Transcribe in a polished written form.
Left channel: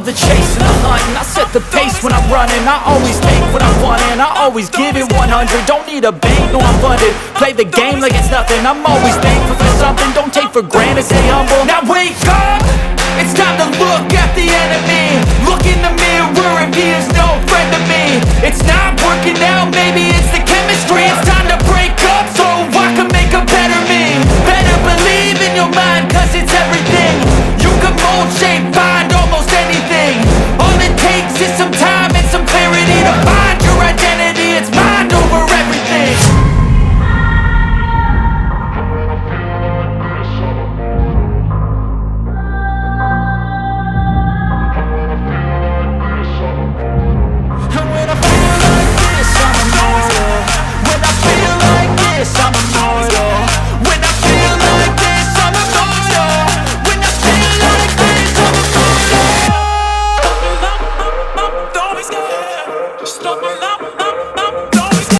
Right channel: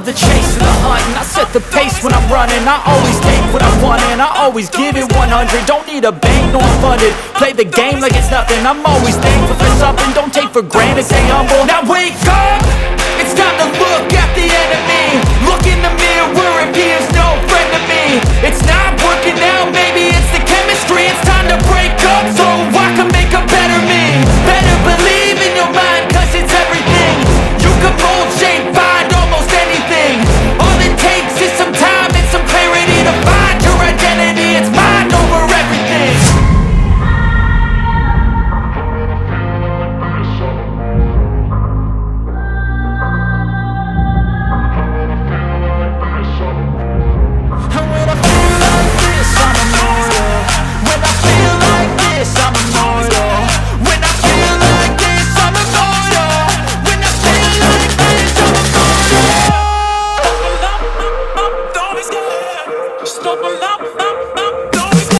love the chase and the hunt, and I set the pace when I'm running. I always take what I want and I always give it 100. Don't need a bank, no I'm funded. Play the game like it's nothing. I'm always thankful for something. Don't take for granted, stay humble. Now wake up! It's time to look at the enemy. Look in the mirror if he is no friend to me. It's not working out, maybe it's the chemistry. It's time to break up so I can make a better me. Better believe in your mind, cause it's everything. You can mold, shape, find almost anything. All it takes is some time and some clarity to find your identity. It's mind over everything. And when I feel like this, I'm immortal. When I feel like this, I'm immortal.